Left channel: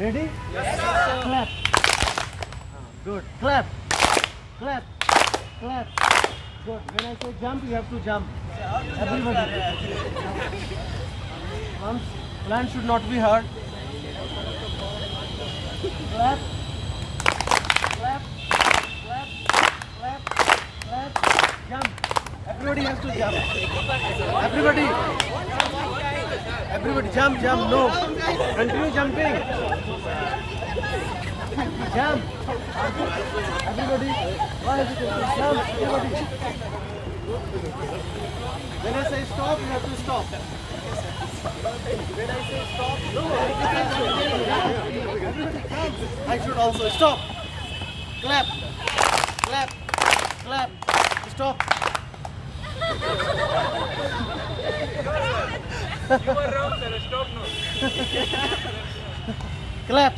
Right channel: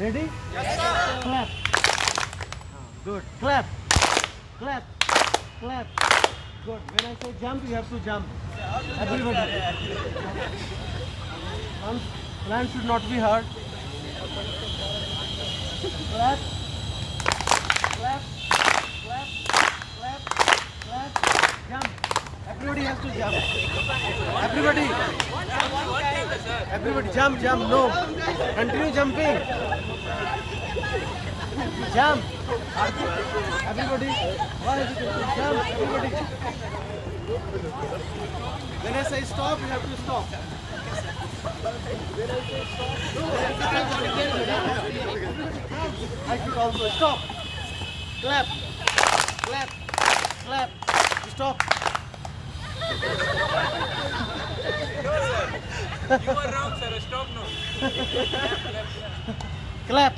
Ready? Yes, sir. Clap. Good. Clap. Clap. Clap. Good. When I say jump, you have to jump. Everybody. Once plan should not be heard. Clap. Clap. Clap. Clap. Clap. Jump. Everybody has to jump. Everybody. Everybody jump, jump. No. Continue jumping. Jump. Everybody. Why is it jump? Everybody. When I say stop, you have to stop. When I say stop, I should also stop. Clap. Clap. Clap. Stop. You are wrong, sir. Stop now. Clap.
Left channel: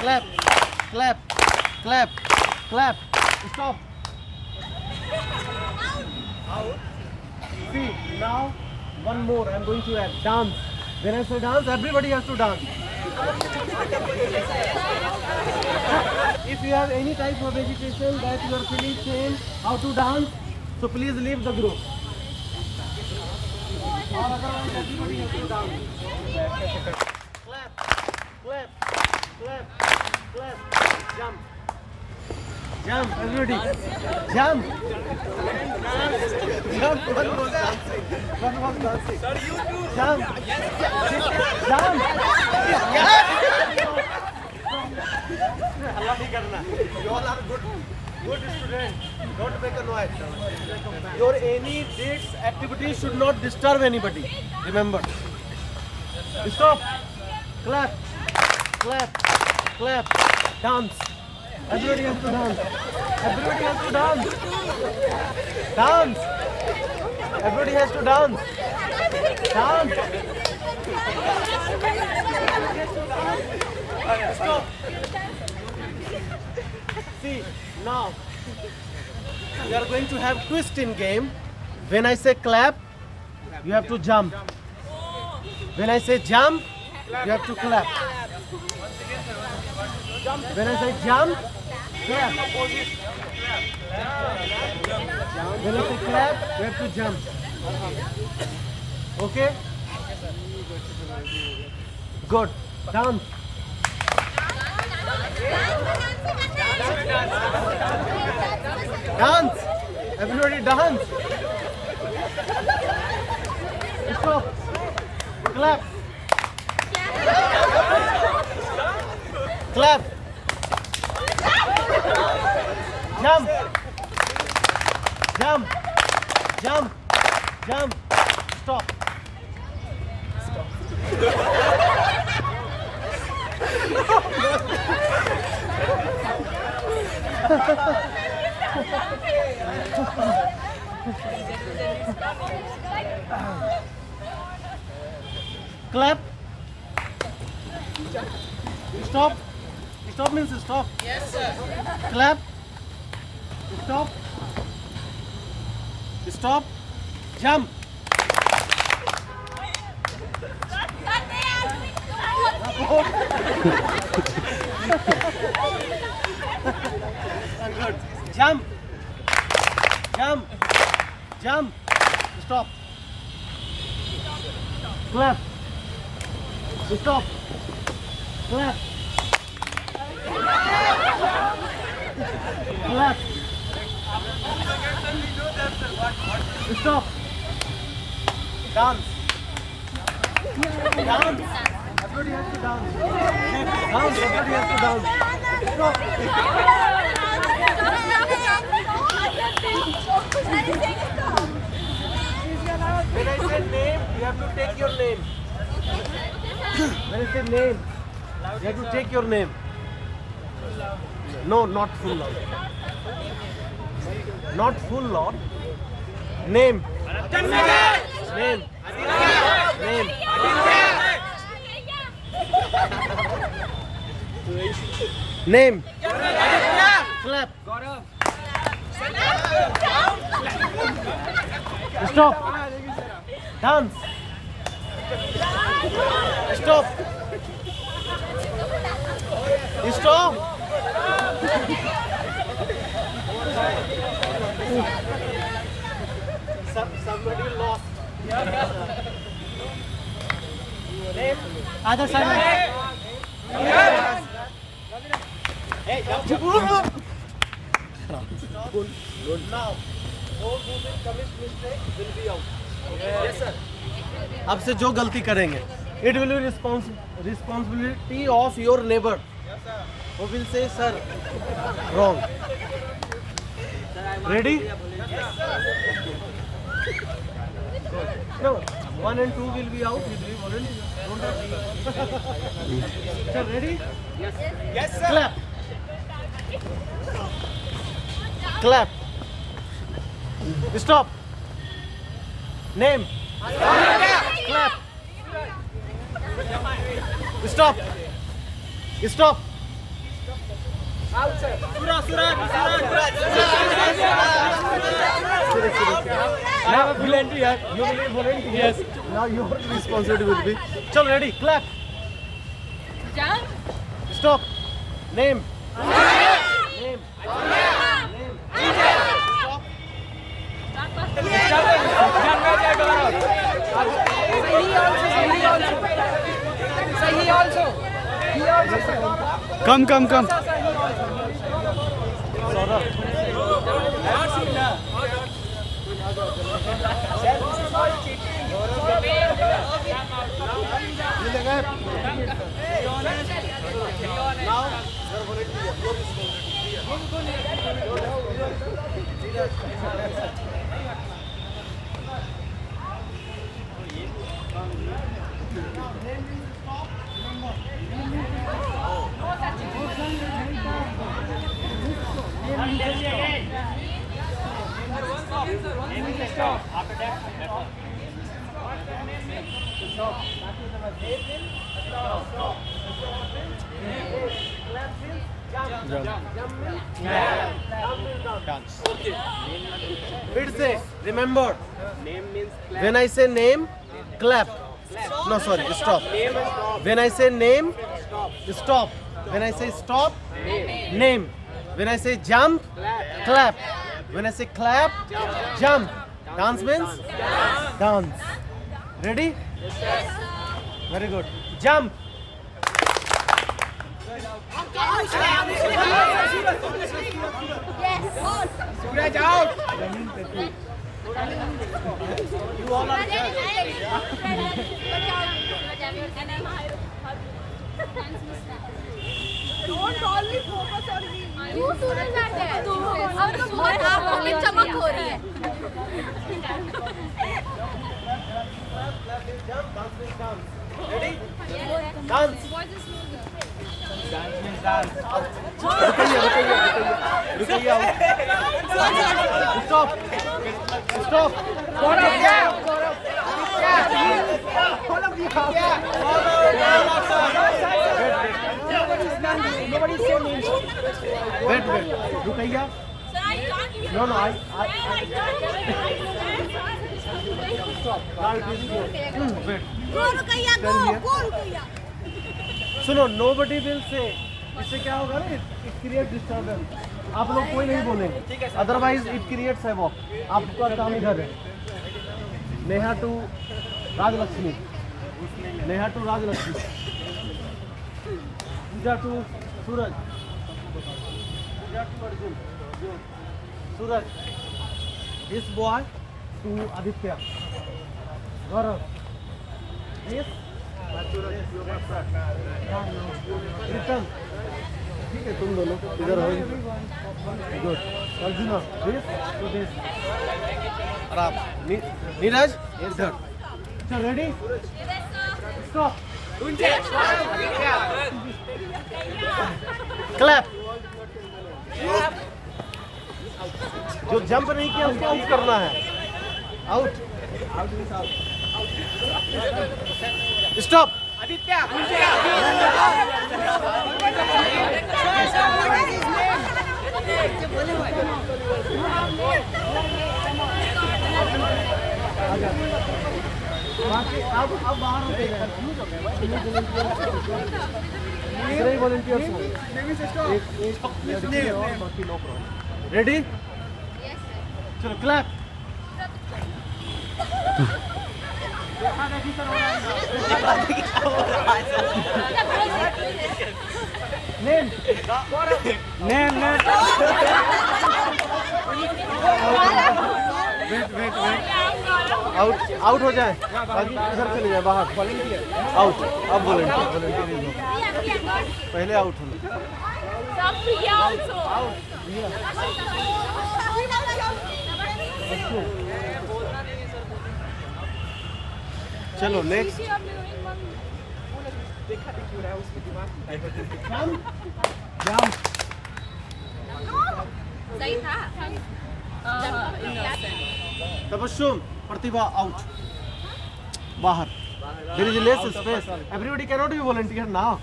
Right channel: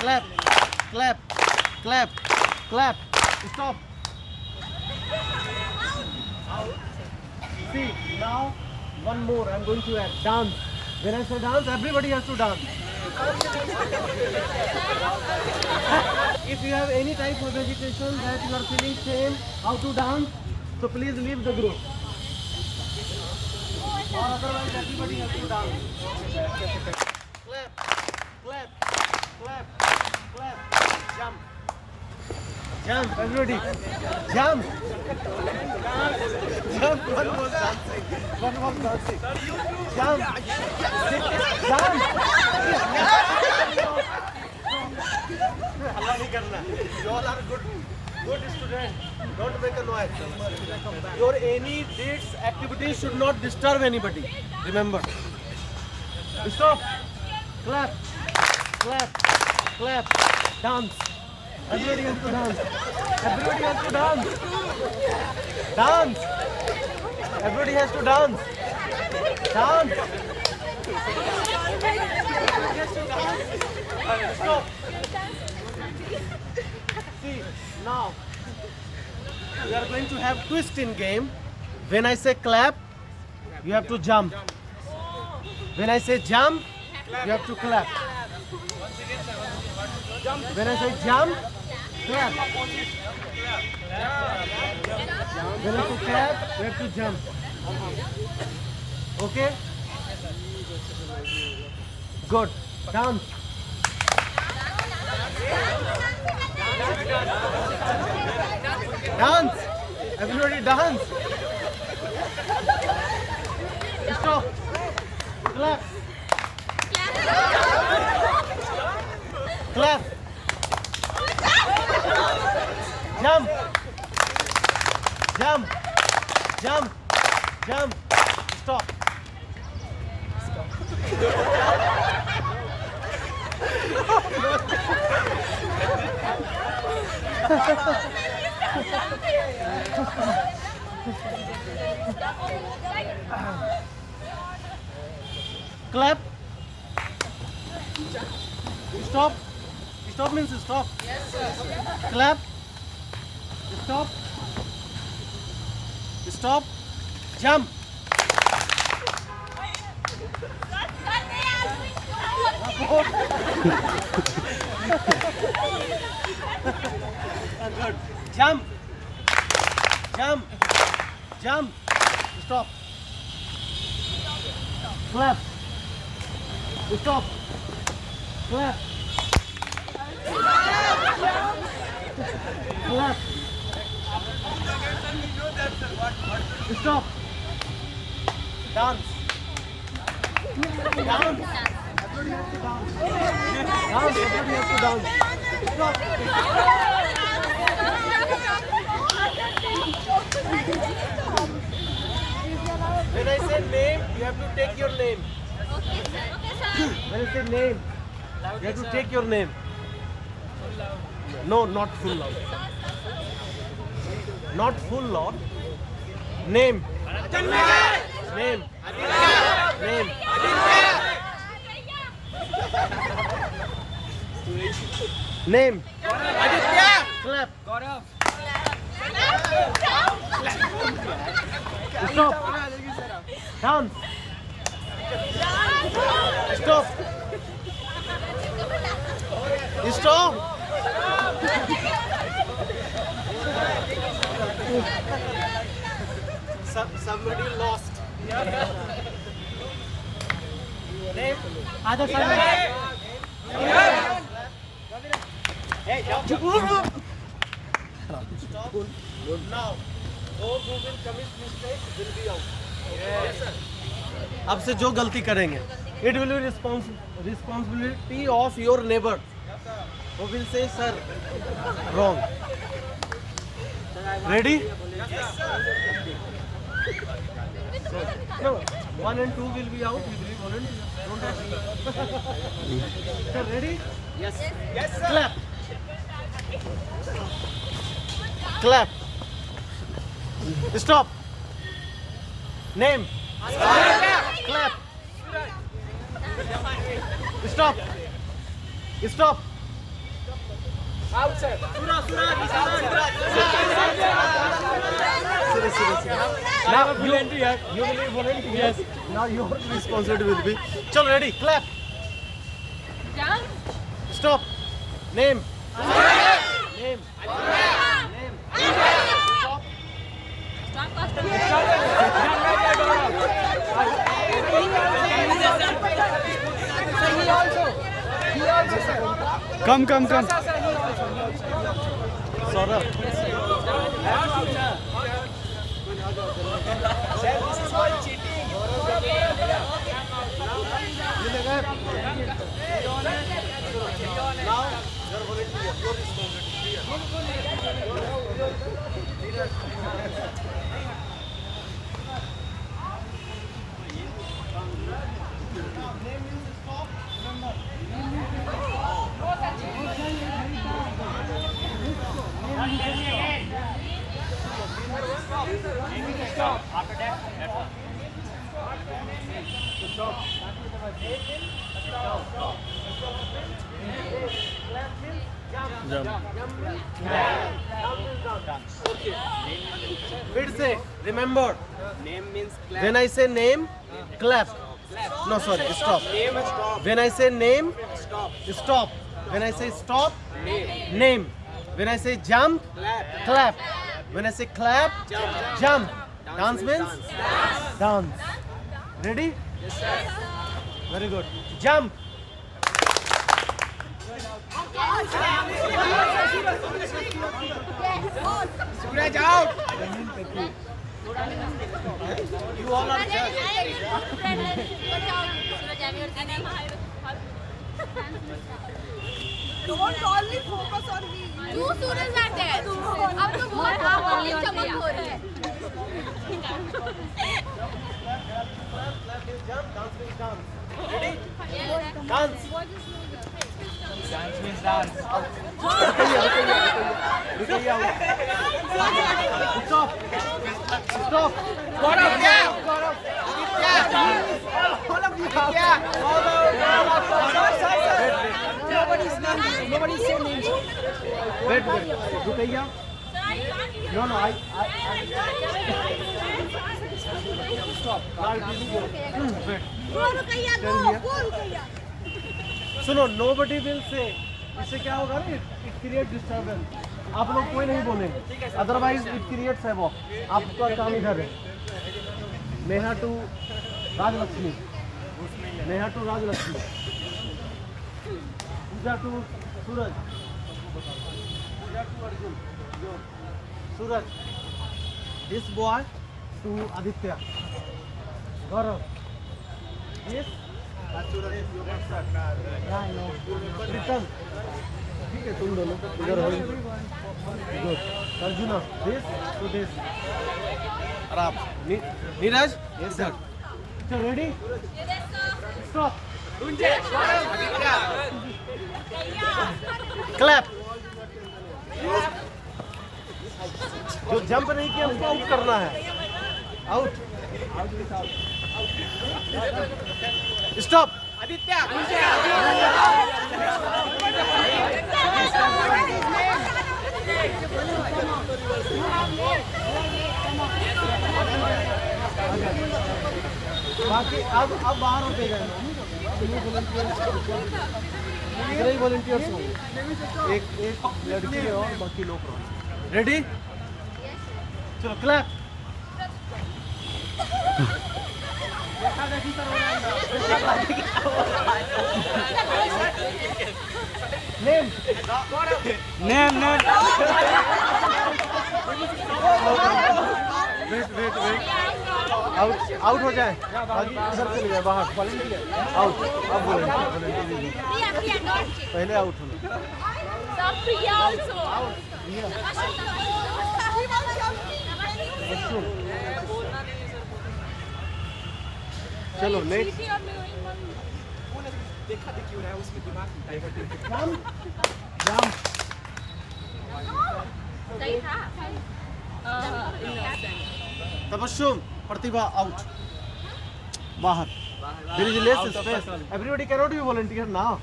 Clap. Clap. Clap. Clap. Stop. See, now one more. I'm going to add dance. When I say dance, everybody has to dance. If you have any type of agitation that you are feeling shame how to dance, so please leave the group. Or otherwise everybody has to dance. Clap, clap, clap, clap, jump. Jump, everybody. Jump. Jump. One was dancing. One was dancing. Jump. Jump. Allah nahi karna. You all are good students. Don't make a noise. Your any dates, activities should not disturb anybody. Remember. Stop. Clap. Clap. Clap. Dance. Everybody has to dance. Everybody has to dance. Dance. Everybody has to dance. Dance. Stop. See, now we are going to have twist in game. When I say clap, you have to jump. When I say jump, you have to clap. When I say jump, clap. When I say clap, you have to jump. Okay? Good. Dance. Dance. Everybody dance. Stop. Clap. Clap. Jump. Jump. Jump. Jump. Stop. Clap. Stop. Stop means stop. Yes, sir. Clap. Stop. Stop. Jump. Good. Jump. Jump. Jump. Stop. Clap. Stop. Clap. Clap. Stop. Dance. Dance. Everybody has to dance. Dance. Everybody has to dance. Stop. When I say name, you have to take your name. When I say name, you have to take your name. No, not full loud. Not full loud. Name. Name. Name. Name. Clap. Stop. Dance. Stop. Stop. Somebody lost. Other side. Now, those who will commit mistake will be out. Yes, sir. अब से जो गलती करेंगे, it will be responsibility of your neighbor. Who will say, sir, wrong. Ready? Good. No, 1 and 2 will be out. Will be volunteer. Don't rush. Sir, ready? Yes, sir. Clap. Clap. Stop. Name. Clap. Stop. Stop. Outside. Seriously. Now volunteer. You will be volunteer. Yes. Now your responsibility will be. Chal, ready. Clap. Stop. Name. Name. Stop. Come. Now, your volunteer. Your responsibility. Your फिर से remember, Name means clap. when I say name, clap. No, sorry, stop. Name and stop. When I say name, Stop. stop. When I say stop, Name. name. When I say jump, Clap. clap. When I say clap, jump. Dance means dance. Ready? Very good. Jump. Suraj out. You all are Don't only focus on me. Two students are there. अब तो बहुत आँखों में चमक हो रही है. clap means jump, dance means dance. Ready? Dance. Stop. Stop. Nobody's saying names. Wait. रुकइया. No. Now it is your. Wait. सुनो, nobody will say. इससे क्या होगा ना? It create disturbance. आप लोग कोई नहीं बोलेंगे. Otherwise it creates havoc. आपका काम इधर है. Neha to Rajlakshmi. Neha to Rajlakshmi. Pooja to Suraj. Pooja to Arjun. Suraj. This boy to Aditya. Gaurav. This. Pritam. ठीक है, तुम दोनों इधर हो. Good. Arjuna. This to this. और आप नीरज इधर. अच्छा, रेडी? स्टॉप. क्लैप. जो जंप नहीं किया उसको आउट करना है. आउट. स्टॉप. Aditya. बाकी अब बाहर हो गए. इतने ही वॉलंटियर्स होंगे, एक लड़की है और बाकी लोग। रेडी? चलो क्लैप। नेम वेट आउट हो जाए, बाकी इधर चले जाए बाहर। वॉलंटियर आउट, अब वॉलंटियर पहले आउट होना। चलो नेक्स्ट। तबस्सुम, प्रतिभा आउट, बाहर। There is less space. Everybody cannot be volunteer now.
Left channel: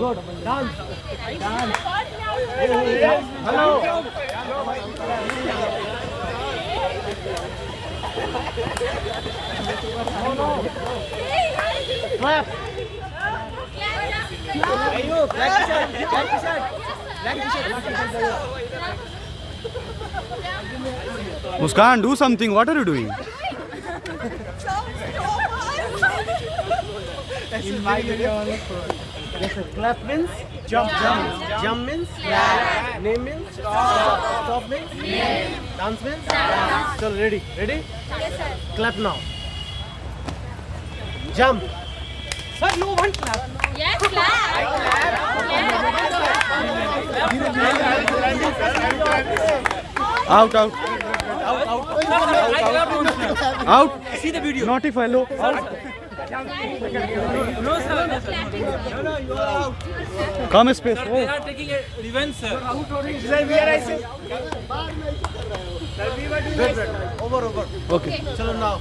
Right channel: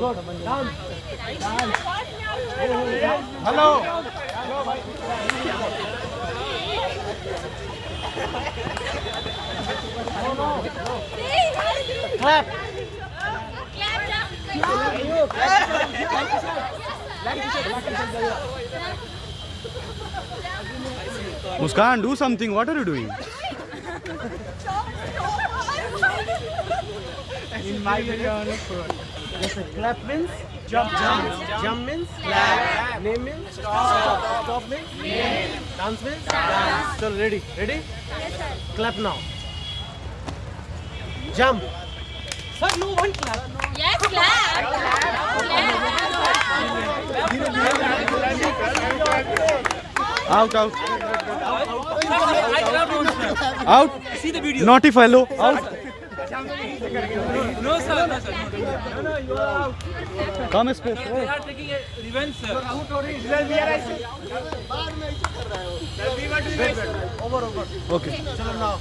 Good. Dance. Hello. No. Clap. Muskan, do something. What are you doing? In my video also. Yes, sir. Clap means jump means name means stop means dance means chalo ready Yes, sir. clap now. Jump. Sir, no one clap. Yes, clap. Out. Out. See the video. Naughty fellow. Come space. They are taking a revenge, sir. Over. Okay. Chalo now.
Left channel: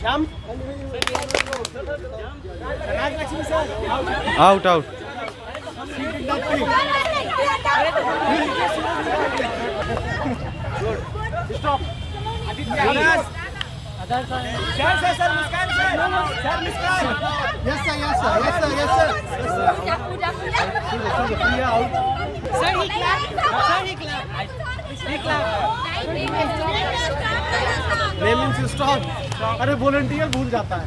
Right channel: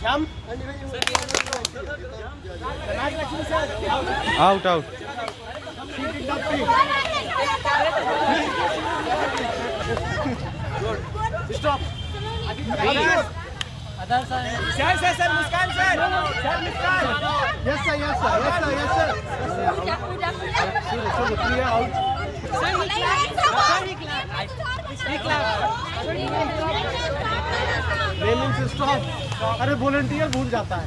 Jump. Out. Stop. Sir, Muskan, sir. Sir, Muskan. Yes, sir. Chalo Priya out. Sir, he clapped. Name means stop. अरे volunteer भूल जाता है।